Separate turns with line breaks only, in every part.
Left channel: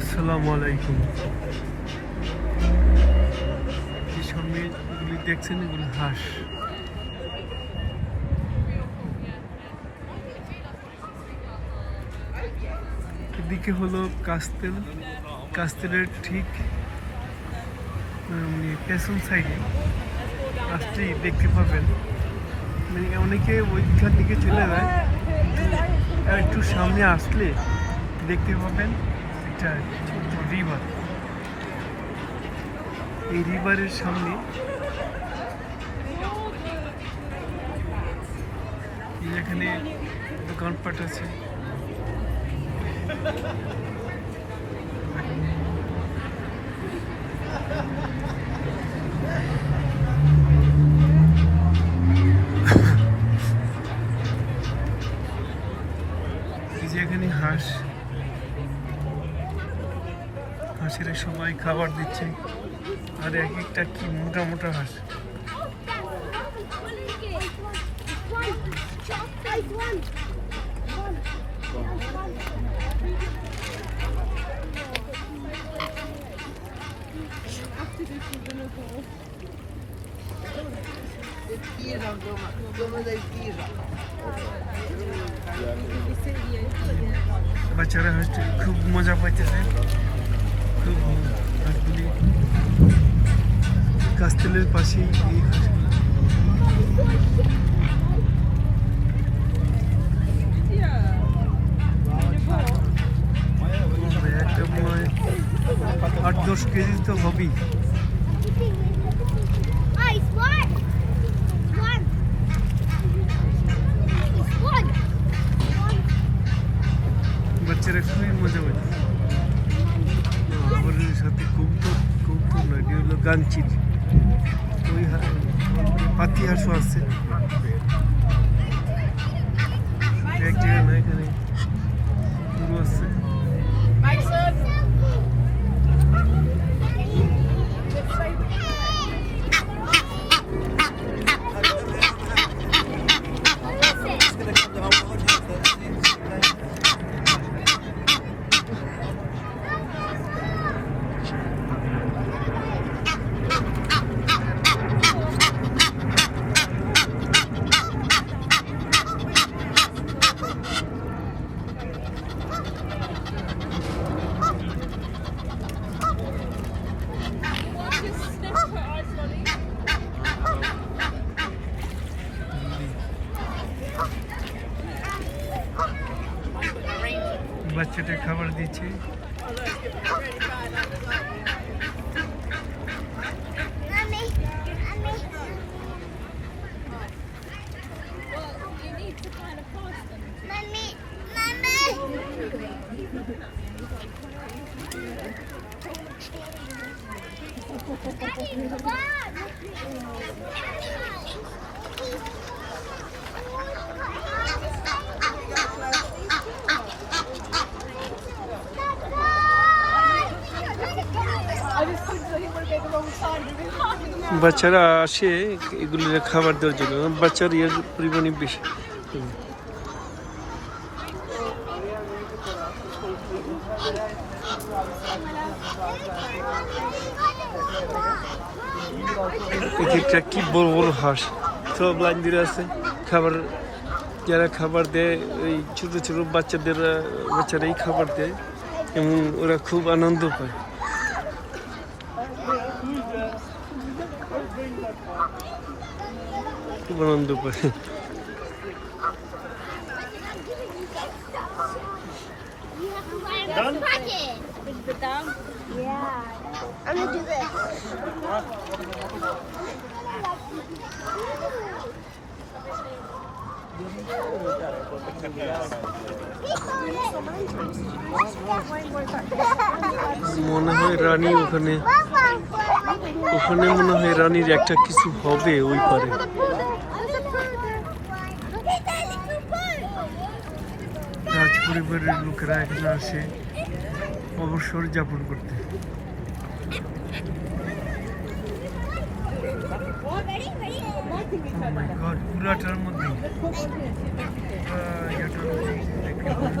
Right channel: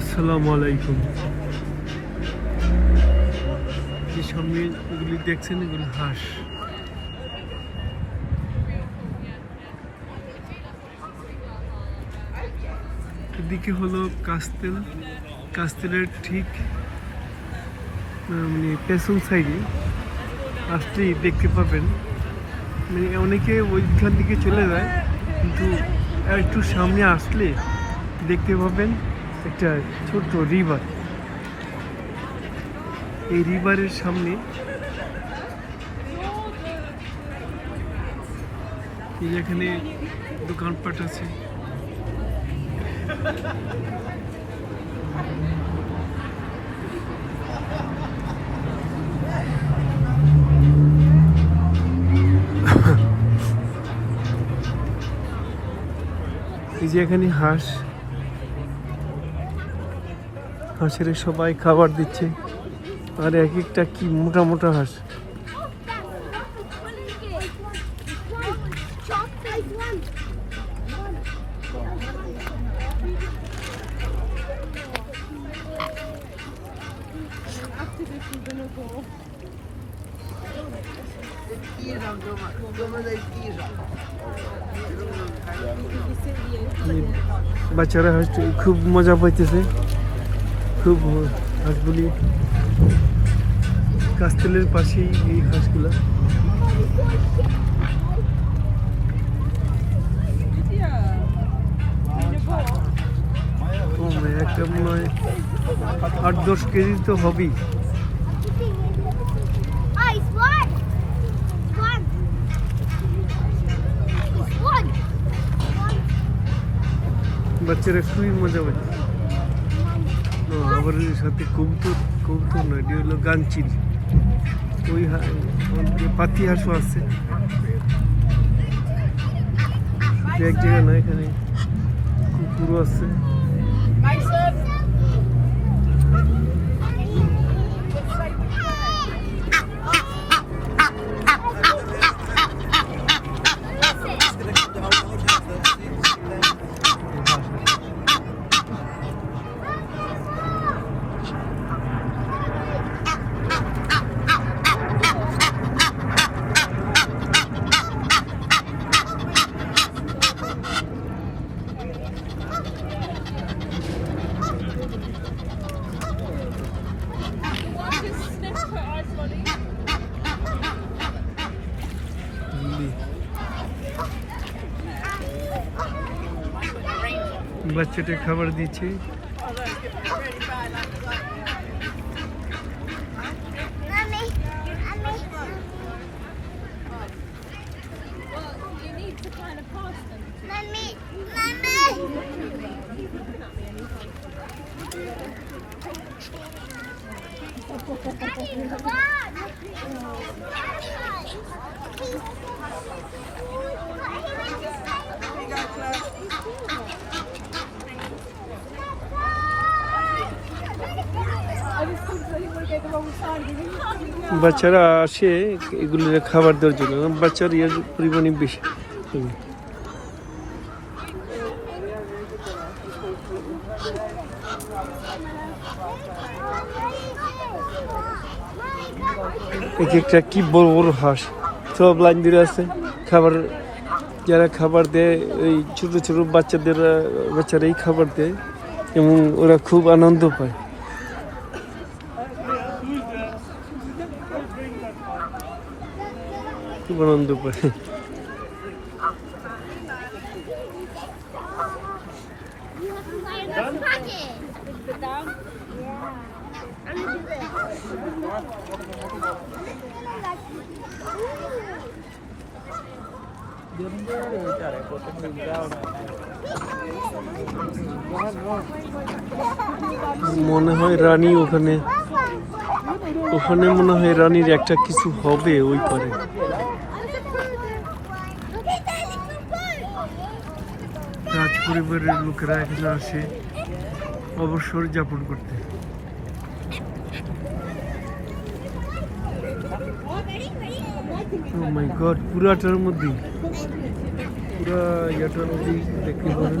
আসসালামু আলাইকুম। যে সামনে এগুলি দেখছেন, এগুলি হাঁস। এদিকে হলো কাস্তেল। কাস্তেলের ঠিক পেছন সাইডে আসতেই দেখতে পাবেন। মানে অনেকে ওইখান দিকে চলে যায়, কিন্তু একটু সামনে আসলে দেখতে পাবেন। একটা ছোট্ট রিভার এই রিভারের সামনে এখানে দোকানপাট আছে। এখানে হাঁস। হাঁসের সবাই খাবার দিচ্ছে। আর এক একটা কি মোটা মোটা হাঁস। বাচ্চারা খুব মজা পাইতেছে। খুব হাঁসগুলি কাস্তেলের পাশেই এই হাঁসগুলা ও মা, একটা মনে হয় আট দশ কেজি তো হবেই
Ice, one! One! One!
আবার সাথে কবুতর কবুতর না এটি হলো গাঞ্চিল। ওই পাতি হাঁসও আছে। এক জায়গায় না এখানে কুকুরও আছে। বাচ্চাটা খাবার দিচ্ছে
mommy.
You
বাচ্চারা আসে এগুলো খাবার দেওয়ার জন্য। বাচ্চার ইয়ের পরিমাণই বেশি। এক একটা কি বড় বড় হাঁস। সব লাইন ধরে আছে। খাবার, যারা খাবার দেয় ওই ছোটো ছোটো বাচ্চাদের, বাচ্চারাই খাবার দেয়। এবং ওরা খুব আনন্দ পায়।
This.
মনে হয় রানী ওখানে ওখানে মনে হয় রানীর একটা কিছু হবে ওই পারে। রাজ পরিবারের লোকেরা এখানে আসে অবসর যাপন করতে। মাই গড পুরাটার মধ্যে পুরা ইয়েটার মধ্যে দেখতে পারেন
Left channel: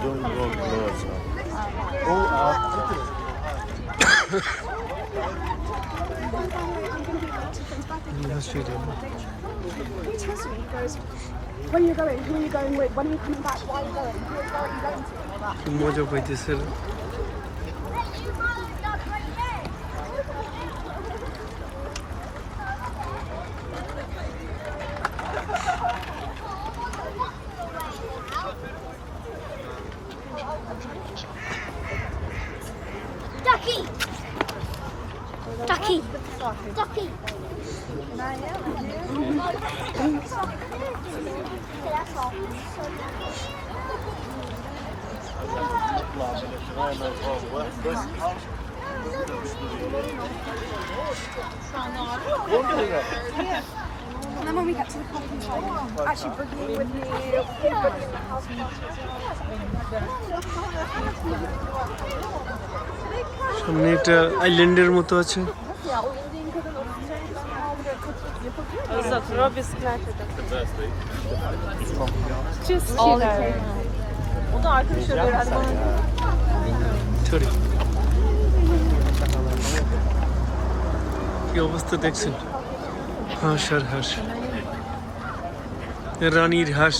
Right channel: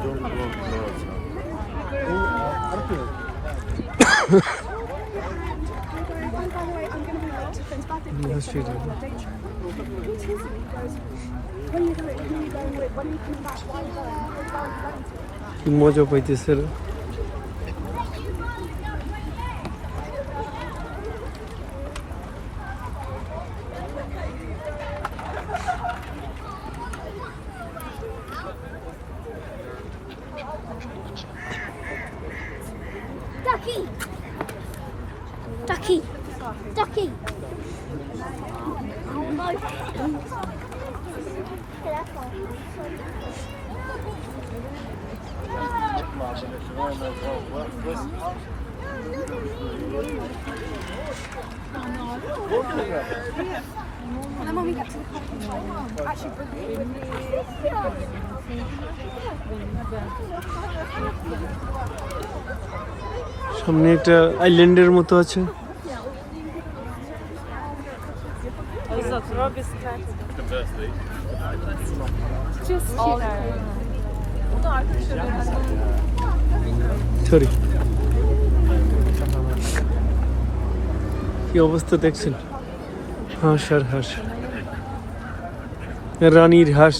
That's pretty.
Which history goes when you're going, who are you going with, when you're coming back, why are you going, where are you going to?
সামনে একটা আইল্যান্ডের মতো আছে
Just cute.
সরি। কি অবস্থা দেখছেন? হাঁস আর হাঁস। রানীর হাঁস।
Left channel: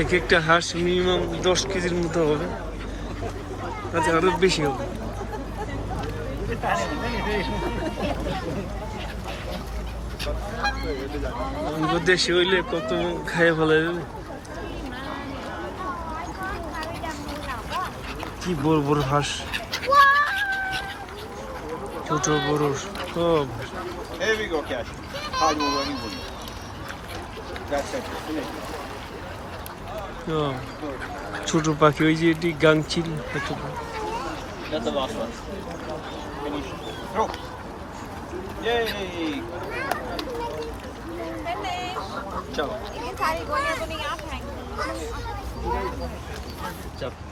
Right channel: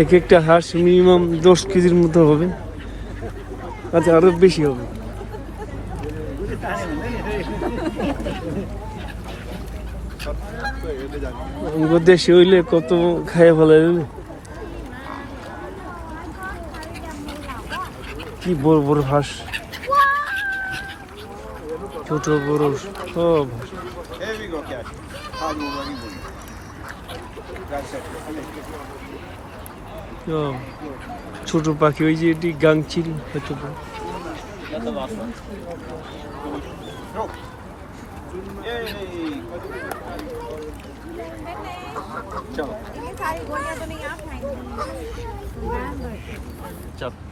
এক একটা হাঁস মিনিমাম দশ কেজির মতো হবে। আচ্ছা আরও বেশি হবে। দেশে হইলে কত খাইয়া ফেলাই জানে কি বড় বড় হাঁস ছোট বড় সব হাঁস ছোট পাখি ওই যে এটি গাংচিল হয়তো
চাপ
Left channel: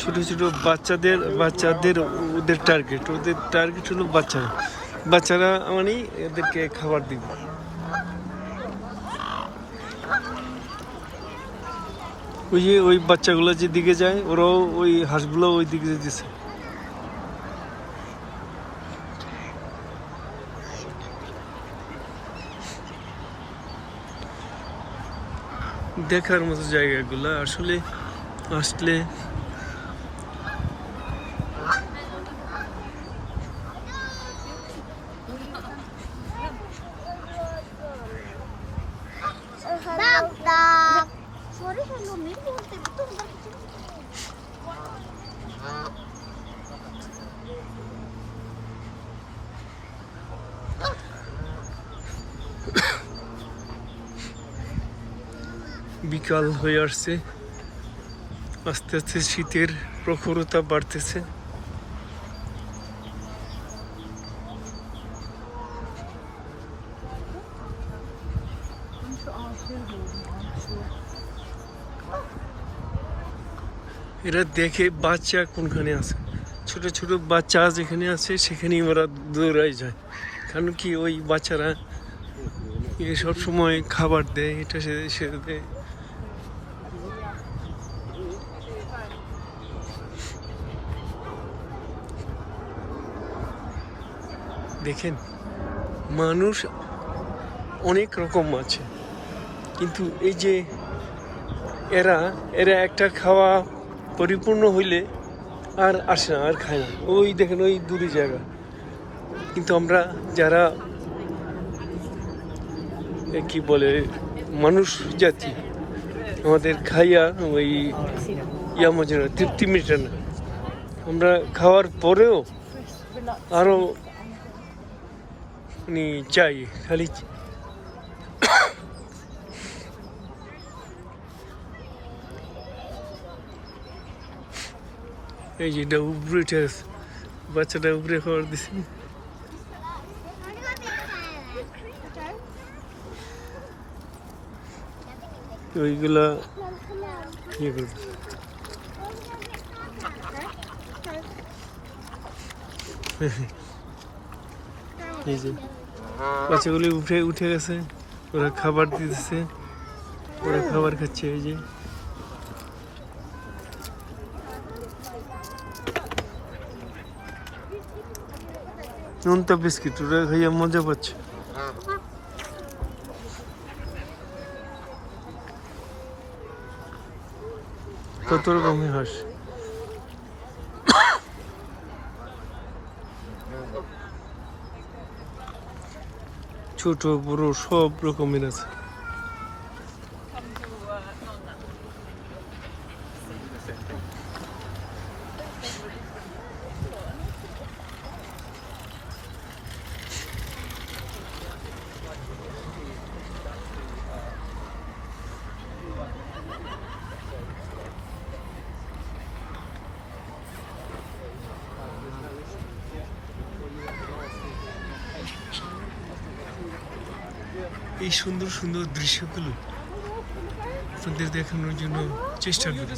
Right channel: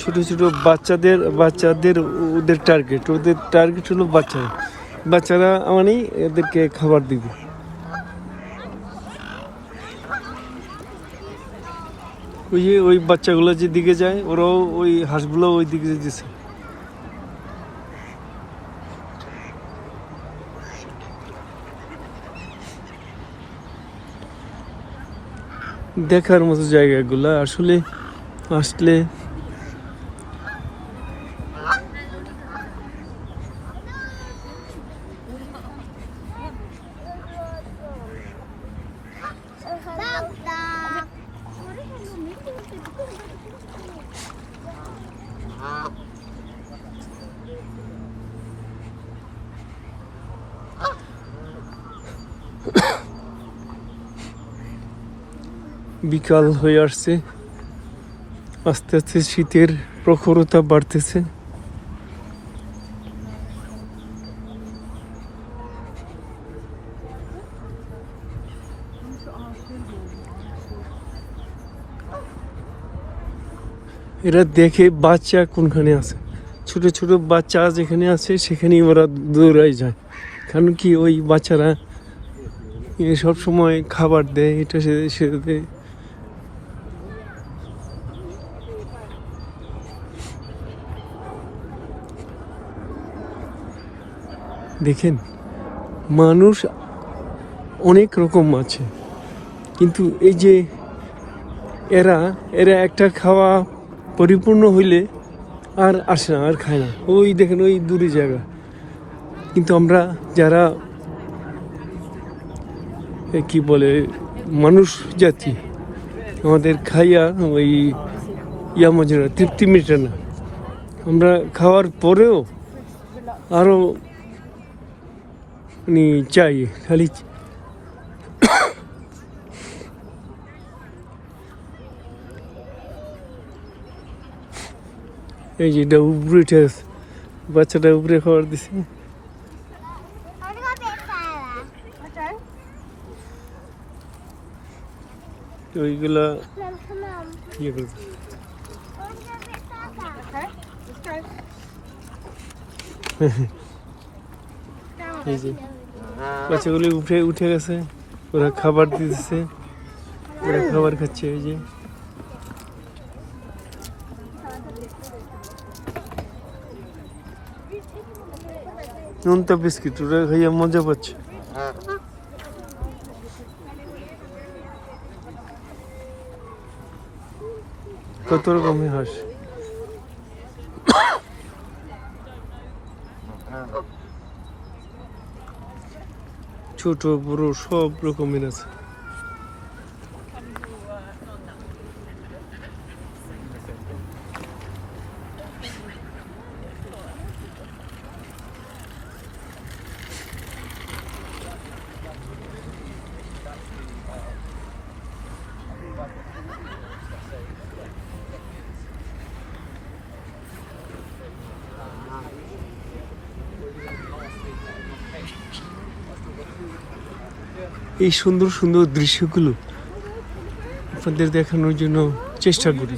ছোট ছোট বাচ্চাদের বাচ্চাদের ওদের টার্গেট ওদের টার্গেট হলো বাচ্চারা। বাচ্চারা মানে এদেরকে খাবার দিব। ওই যে ওই বাচ্চাগুলো যেদিকে যায়, ওরাও ওই হাঁসগুলো ওই দিকে যেতেছে। দেখার মতো জায়গাগুলো আসলে আসলে
낙
বিকাল হয়ে আসছে। আস্তে আস্তে শীতের প্রখরতা বাড়তেছে। এরা দেখে বাচ্চা কোনখানে আছে? ছোট ছোট বাচ্চা যেখানে আছে, সেখানেই ওরা দৌড়াই যায়। কারণ কি ওই বাচ্চারা সব সময় খাবার দেয়, এটা সে দেয় দেখেন, মানুষ অনেক রকম আছে। কিন্তু এই যে এরা এরা একটা খাওয়া পরিপূর্ণ হইলে আর আসে না, আর খায় না। ওই দেখেন, ওই দূরে জায়গা কিন্তু আমরা যারা কি বলে, মানুষ জাতি, আমাদের খাইয়া ওই ইয়া মজুরা, তৃপ্তি মেটে না। আমরা খাওয়ার পরেও আরও মানে চাই, খালি এই যে এটা উপরে উঠে বাচ্চাটা উপরে খাবার দিছে। ওইগুলা ইয়ে করবে। এই যে বাচ্চাগুলি উঠে উঠে গেছে ওরা খাবার দিতেছে ওরা খাবার খাচ্ছে এই যে। নুনটা বিস্কিট ওরা খাইয়া মজা পাচ্ছে। কত রকমের হাঁস? ছোট বড় সব রকমের আছে। এই সুন্দর সুন্দর দৃশ্যগুলো আপনাদের দেখানোর জন্য চেষ্টা করি.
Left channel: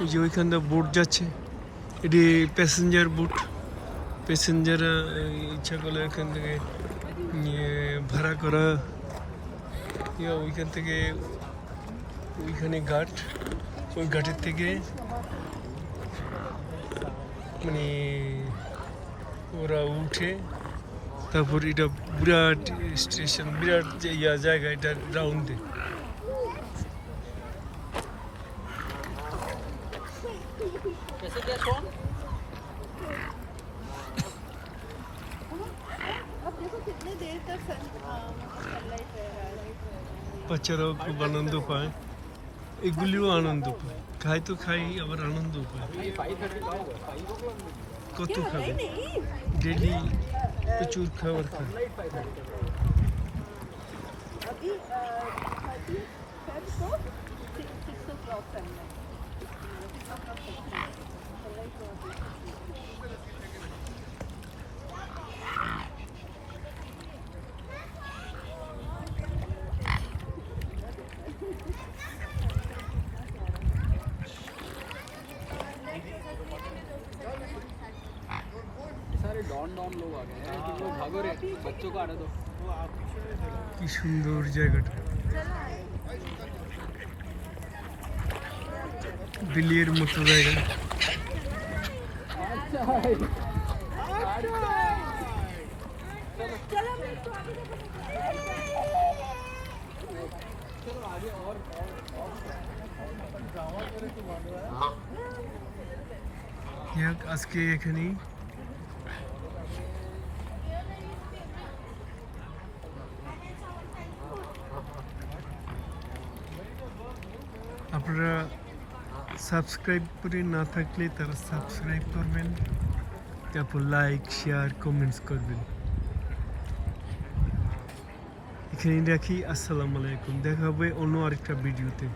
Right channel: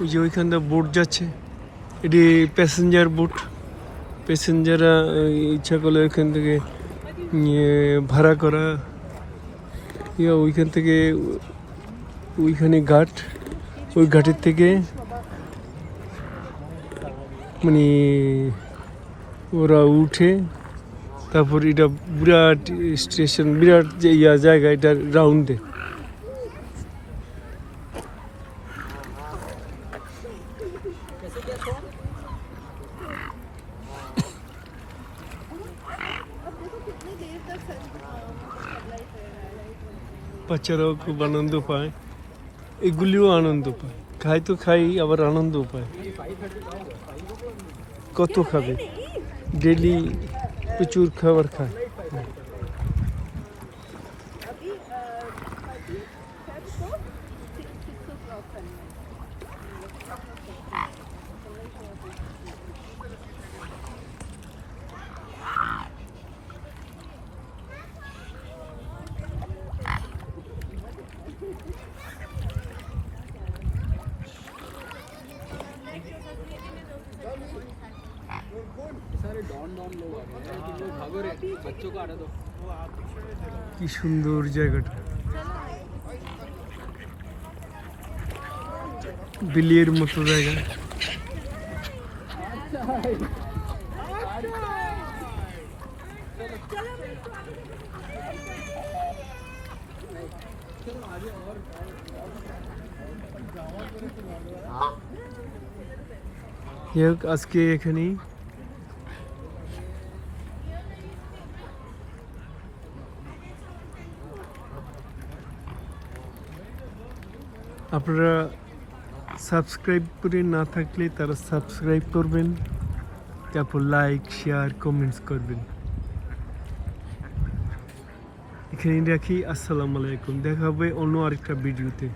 ওই যে ওইখানটা বোট যাচ্ছে। এটি প্যাসেঞ্জার বোট প্যাসেঞ্জাররা ইচ্ছা করলে ওইখান থেকে ভাড়া করা। ওইখান থেকে ওইখানে ঘাট। ওই ঘাটের থেকে মানে ওরা উঠে তারপর এটা বিরাট স্টেশন বিরাট যে ইয়া জায়গা এটা রাউন্ডে বাচ্চারাও খুব আনন্দ পায় এগুলিও আনন্দ পায় খাই তো খাই আবার আনন্দ পায় কত খাবে ডেলি প্রচুর খাবার খায় কি সুন্দর জায়গাটা। বিলিয়ের মতো জায়গা। আজকে এখানেই আপনারা সাবস্ক্রাইব করে না থাকলে তারা সাবস্ক্রাইব করবেন, তারপর লাইক শেয়ার কমেন্টস করবেন। এখানে রাখি, আসসালামু আলাইকুম। দেখা হবে অন্য আরেকটা ভিডিওতে